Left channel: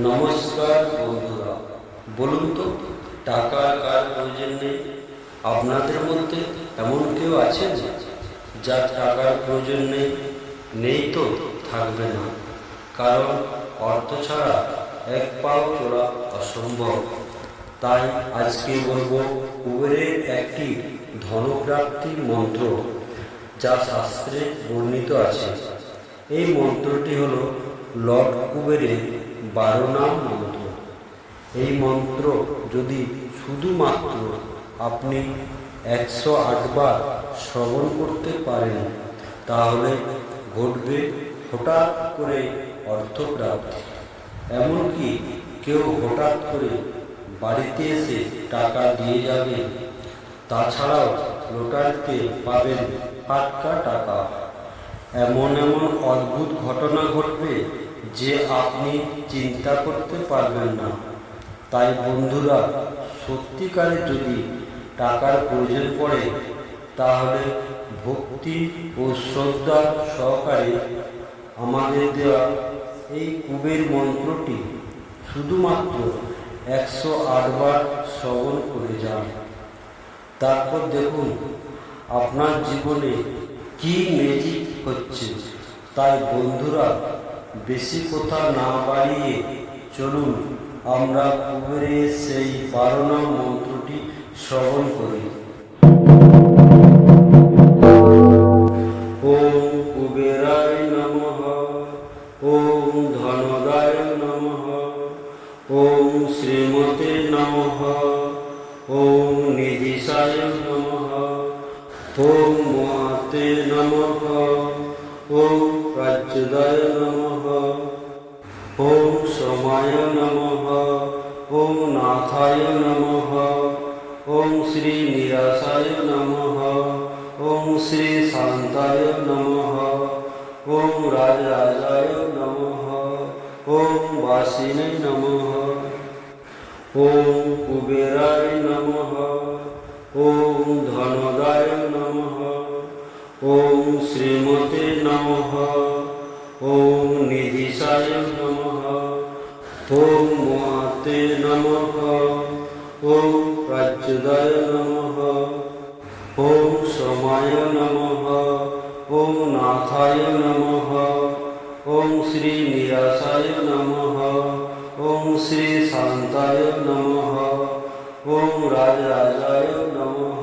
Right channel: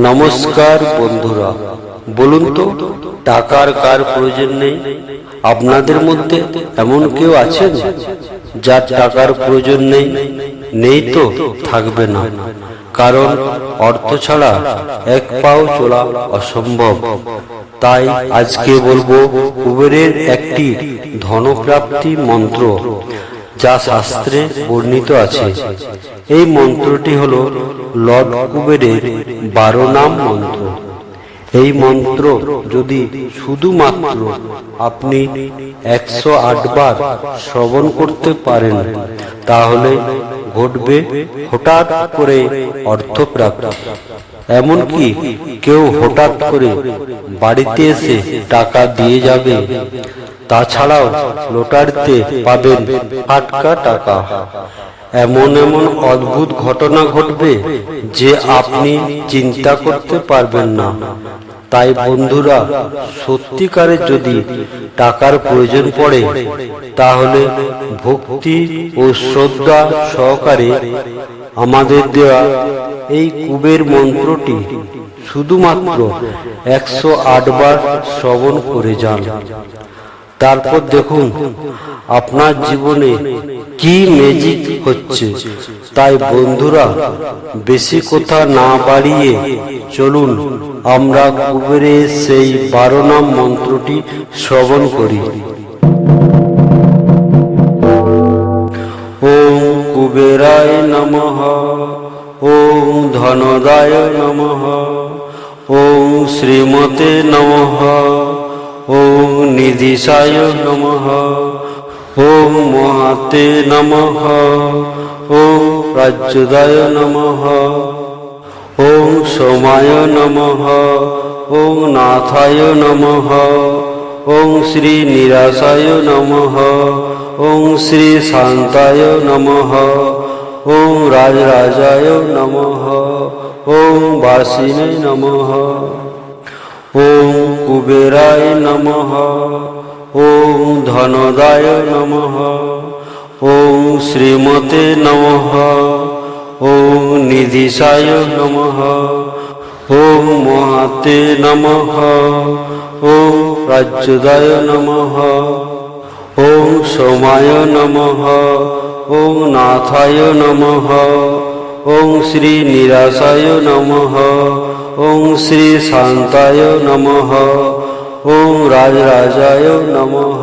নমস্কার বন্ধুরা, বলুন তো টাকার কার প্রয়োজন নেই? আপনাদের মধ্যে এমন কেউ আছেন যার টাকার প্রয়োজন নেই? নেই তো থাকবে না, কারণ অর্থ ছাড়া এক পাও চলা অসম্ভব। তাই আজকে বলবো কুবেরের একটি ধনপ্রাপ্তি মন্ত্র, যা শাস্ত্রে বর্ণিত আছে। এই মন্ত্রটি হলো লর্ড কুবেরের 12 নাম মন্ত্র। এই মন্ত্র যদি শুধুমাত্র আপনি 108 বার শ্রবণ করতে পারেন, তাহলে ঘটবে হঠাৎ করে অর্থপ্রাপ্তি। এমনকি কেউ হঠাৎ করে বাড়িতে এসে টাকা দিয়ে যাবে। তাছাড়াও লটারিতে পাবেন ফাটকা টাকা। এমন এমন অদ্ভুত ঘটনা ঘটবে যে আপনি চিন্তা করতে পারবেন না। তাই বন্ধুরা, সত্যিকারের যদি টাকার প্রয়োজন পড়ে, তাহলে ভক্তি ও শ্রদ্ধা সহকারে আমাদের দেওয়া এই কুবের মন্ত্রটি শুধুমাত্র 108 বার শ্রবণ করে যান। তারপর দেখুন আপনার জীবনে কি ম্যাজিক হচ্ছে। তাই বন্ধুরা, বেশি কথা না বাড়িয়ে চলুন আমরা কুবেরের সেই 12 নাম মন্ত্রটি শ্রবণ করি। ওম কুবেরায় নমঃ, ওম ধনদায় নমঃ, ওম শ্রীমতে নমঃ, ওম নিধিশায় নমঃ, ওম মহাতে নমঃ, ওম রাজ্যদায় নমঃ, ওম সোমায় নমঃ, ওম নাথায় নমঃ, ওম শ্রী নিরাশায় নমঃ, ওম শ্রী শান্তায় নমঃ, ওম রাজরাজায় নমঃ, ওম বাসিনে নমঃ, ওম কুবেরায় নমঃ, ওম ধনদায় নমঃ, ওম শ্রীমতে নমঃ, ওম নিধিশায় নমঃ, ওম মহাতে নমঃ, ওম রাজ্যদায় নমঃ, ওম সোমায় নমঃ, ওম নাথায় নমঃ, ওম শ্রী নিরাশায় নমঃ, ওম শ্রী শান্তায় নমঃ, ওম রাজরাজায় নমঃ,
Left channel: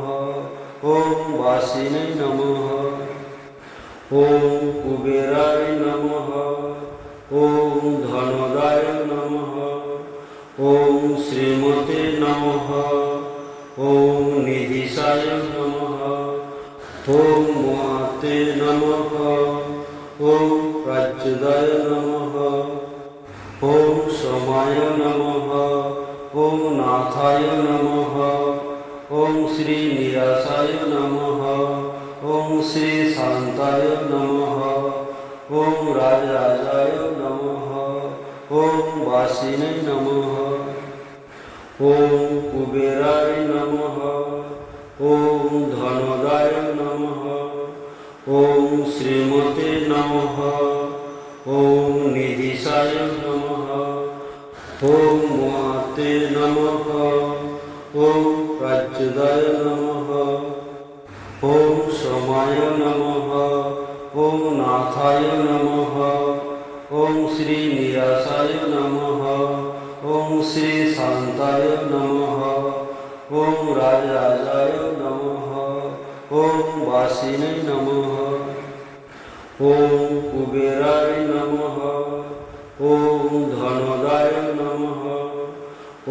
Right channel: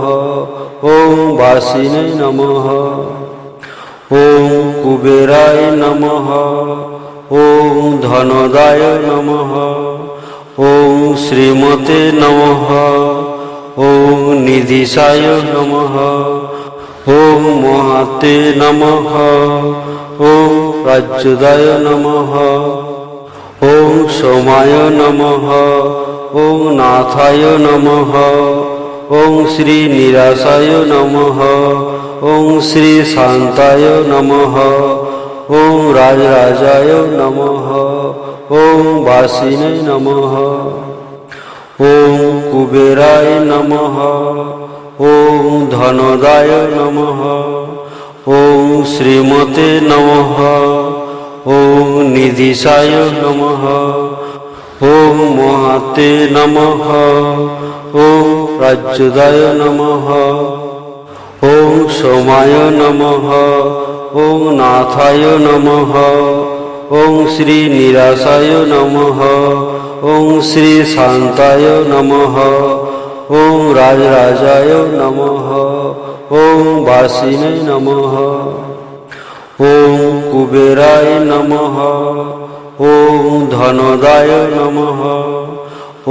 ওম বাসিনে নমঃ, ওম কুবেরায় নমঃ, ওম ধনদায় নমঃ, ওম শ্রীমতে নমঃ, ওম নিধিশায় নমঃ, ওম মহাতে নমঃ, ওম রাজ্যদায় নমঃ, ওম সোমায় নমঃ, ওম নাথায় নমঃ, ওম শ্রী নিরাশায় নমঃ, ওম শ্রী শান্তায় নমঃ, ওম রাজরাজায় নমঃ, ওম বাসিনে নমঃ, ওম কুবেরায় নমঃ, ওম ধনদায় নমঃ, ওম শ্রীমতে নমঃ, ওম নিধিশায় নমঃ, ওম মহাতে নমঃ, ওম রাজ্যদায় নমঃ, ওম সোমায় নমঃ, ওম নাথায় নমঃ, ওম শ্রী নিরাশায় নমঃ, ওম শ্রী শান্তায় নমঃ, ওম রাজরাজায় নমঃ, ওম বাসিনে নমঃ, ওম কুবেরায় নমঃ, ওম ধনদায় নমঃ,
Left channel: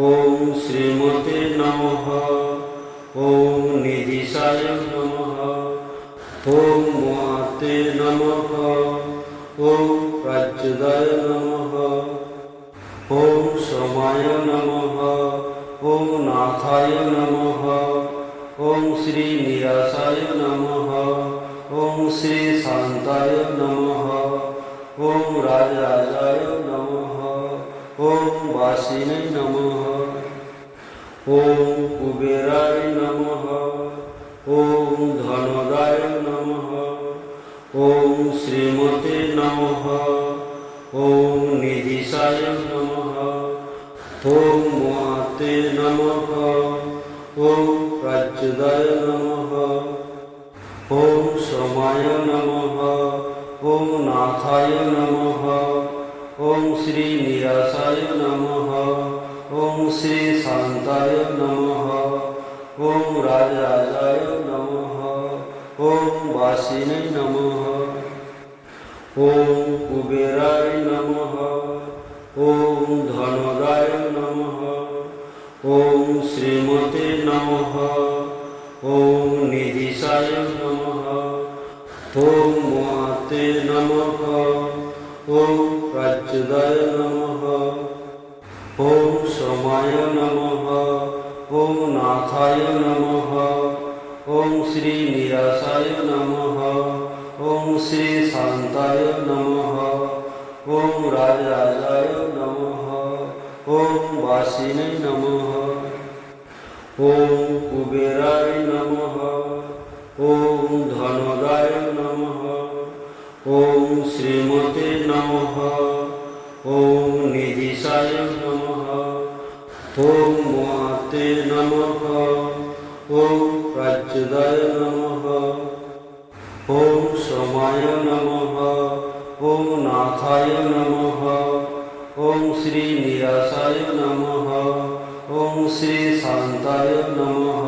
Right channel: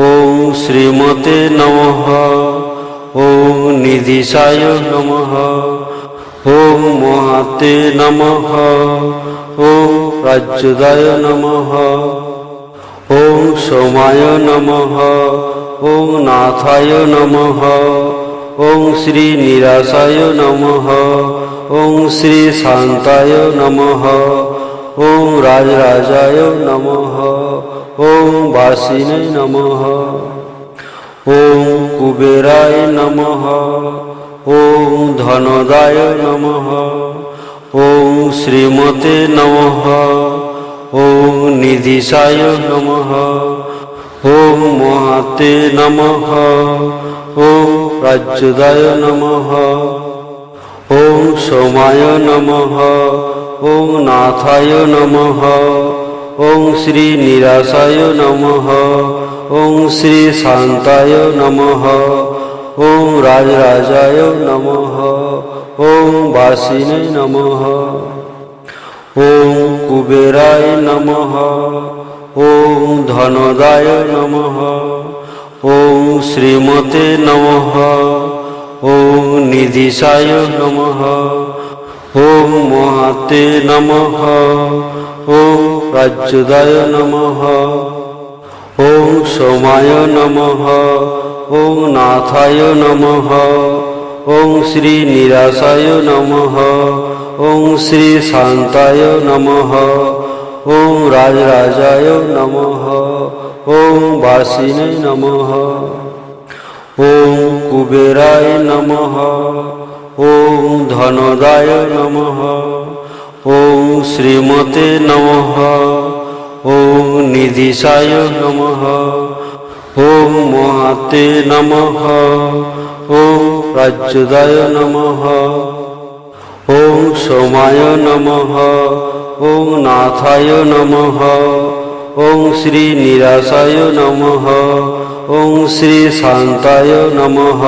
ওম শ্রীমতে নমঃ, ওম নিধিশায় নমঃ, ওম মহাতে নমঃ, ওম রাজ্যদায় নমঃ, ওম সোমায় নমঃ, ওম নাথায় নমঃ, ওম শ্রী নিরাশায় নমঃ, ওম শ্রী শান্তায় নমঃ, ওম রাজরাজায় নমঃ, ওম বাসিনে নমঃ, ওম কুবেরায় নমঃ, ওম ধনদায় নমঃ, ওম শ্রীমতে নমঃ, ॐ निधिशाय नमः ॐ महाते नमः ॐ प्रच्युताय नमः ॐ सोमाय नमः ॐ नाथाय नमः ॐ श्री निराशाय नमः ॐ श्री शान्ताय नमः ॐ राजराजाय नमः ॐ वासिने नमः ॐ कुबेराय नमः ॐ धनदाय नमः ॐ श्रीमते नमः ॐ निधिशाय नमः ॐ महाते नमः ॐ प्रच्युताय नमः ॐ सोमाय नमः ॐ नाथाय नमः ॐ श्री निराशाय नमः ॐ श्री शान्ताय नमः ॐ राजराजाय नमः ॐ वासिने नमः ॐ कुबेराय नमः ॐ धनदाय नमः ॐ श्रीमते नमः ॐ निधिशाय नमः ॐ महाते नमः ॐ प्रच्युताय नमः ॐ सोमाय नमः ॐ नाथाय नमः ॐ श्री निराशाय नमः ॐ श्री शान्ताय नमः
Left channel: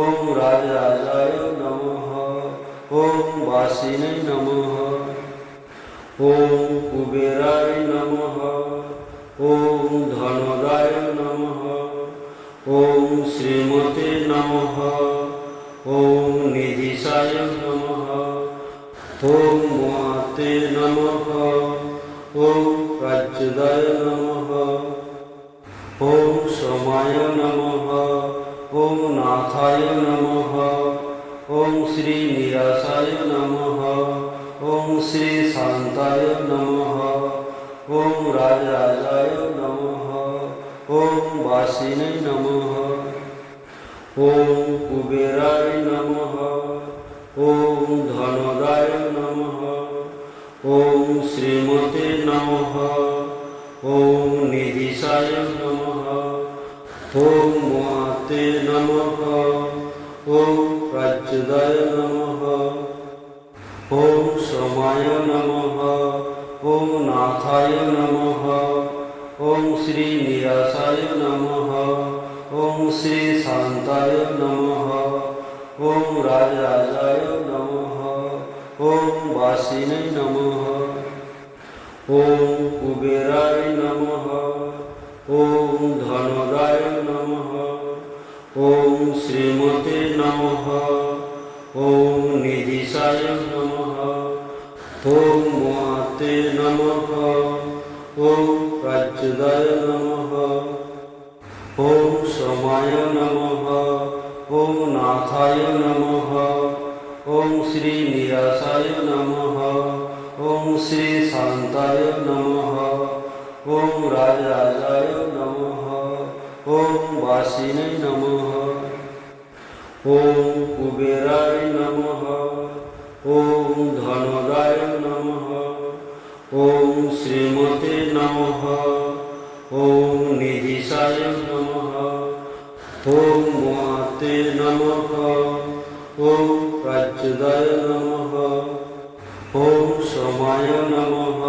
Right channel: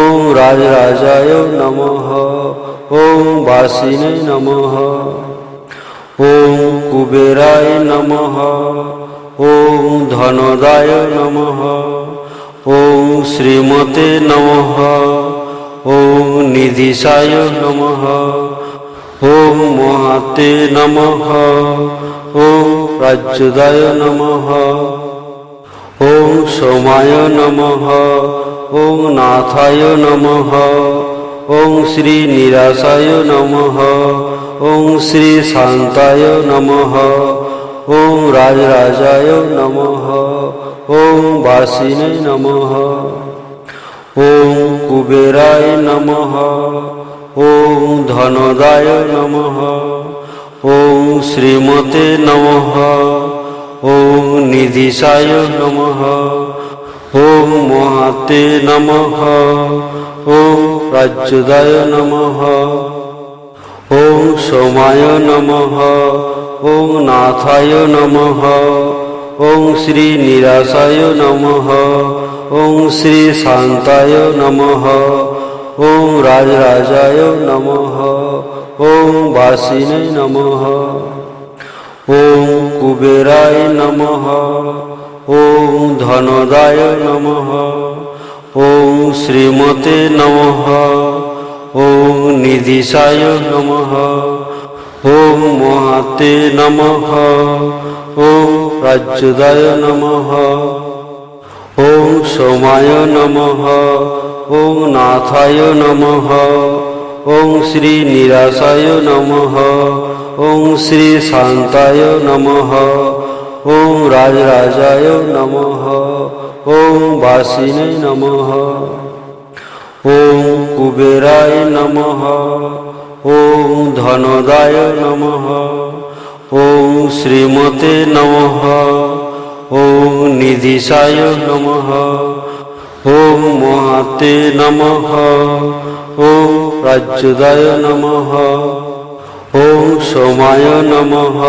ॐ राजराजाय नमः ॐ वासिने नमः ॐ कुबेराय नमः ॐ धनदाय नमः ॐ श्रीमते नमः ॐ निधिशाय नमः ॐ महाते नमः ॐ प्रच्युताय नमः ॐ सोमाय नमः ॐ नाथाय नमः ॐ श्री निराशाय नमः ॐ श्री शान्ताय नमः ॐ राजराजाय नमः ॐ वासिने नमः ॐ कुबेराय नमः ॐ धनदाय नमः ॐ श्रीमते नमः ॐ निधिशाय नमः ॐ महाते नमः ॐ प्रच्युताय नमः ॐ सोमाय नमः ॐ नाथाय नमः ॐ श्री निराशाय नमः ॐ श्री शान्ताय नमः ॐ राजराजाय नमः ॐ वासिने नमः ॐ कुबेराय नमः ॐ धनदाय नमः ॐ श्रीमते नमः ॐ निधिशाय नमः ॐ महाते नमः ॐ प्रच्युताय नमः ॐ सोमाय नमः ॐ नाथाय नमः ॐ श्री निराशाय नमः ॐ श्री शान्ताय नमः ॐ राजराजाय नमः ॐ वासिने नमः ॐ कुबेराय नमः ॐ धनदाय नमः ॐ श्रीमते नमः ॐ निधिशाय नमः ॐ महाते नमः ॐ प्रच्युताय नमः ॐ सोमाय नमः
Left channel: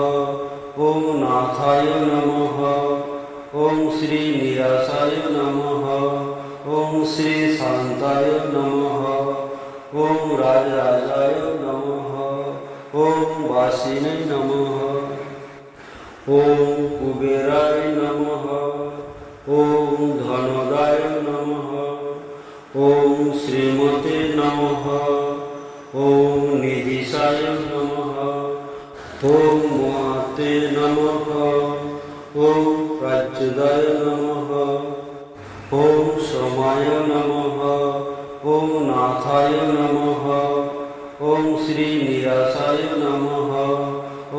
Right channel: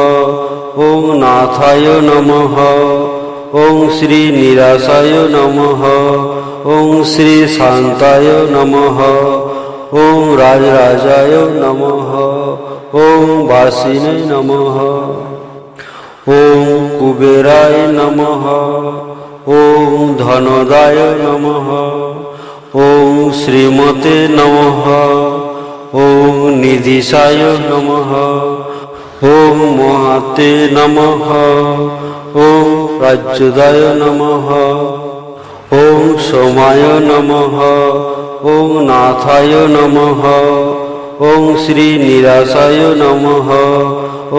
ॐ नाथाय नमः ॐ श्री निराशाय नमः ॐ श्री शान्ताय नमः ॐ राजराजाय नमः ॐ वासिने नमः ॐ कुबेराय नमः ॐ धनदाय नमः ॐ श्रीमते नमः ॐ निधिशाय नमः ॐ महाते नमः ॐ प्रच्युताय नमः ॐ सोमाय नमः ॐ नाथाय नमः ॐ श्री निराशाय नमः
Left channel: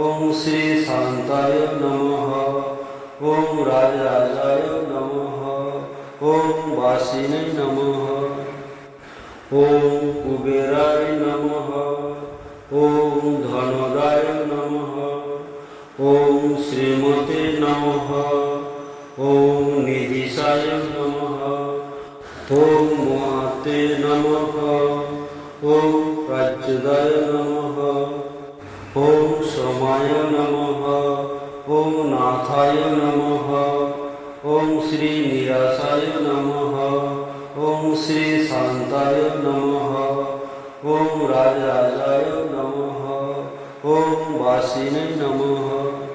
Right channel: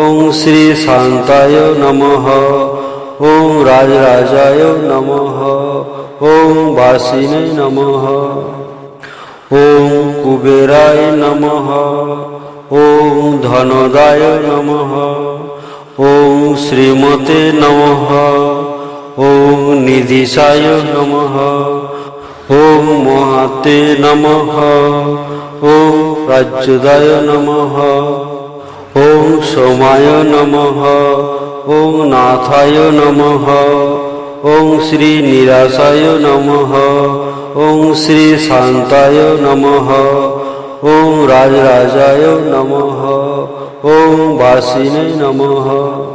ॐ श्री शान्ताय नमः ॐ राजराजाय नमः ॐ वासिने नमः ॐ कुबेराय नमः ॐ धनदाय नमः ওম শ্রীমতে নমঃ। ওম নিধিশায় নমঃ। ওম মহাতে নমঃ। ওম রাজ্যদায় নমঃ। ওম সোমায় নমঃ। ওম নাথায় নমঃ। ওম শ্রী নিরাশায় নমঃ। ওম শ্রী শান্তায় নমঃ। ওম রাজরাজায় নমঃ। ওম বাসিনে নমঃ।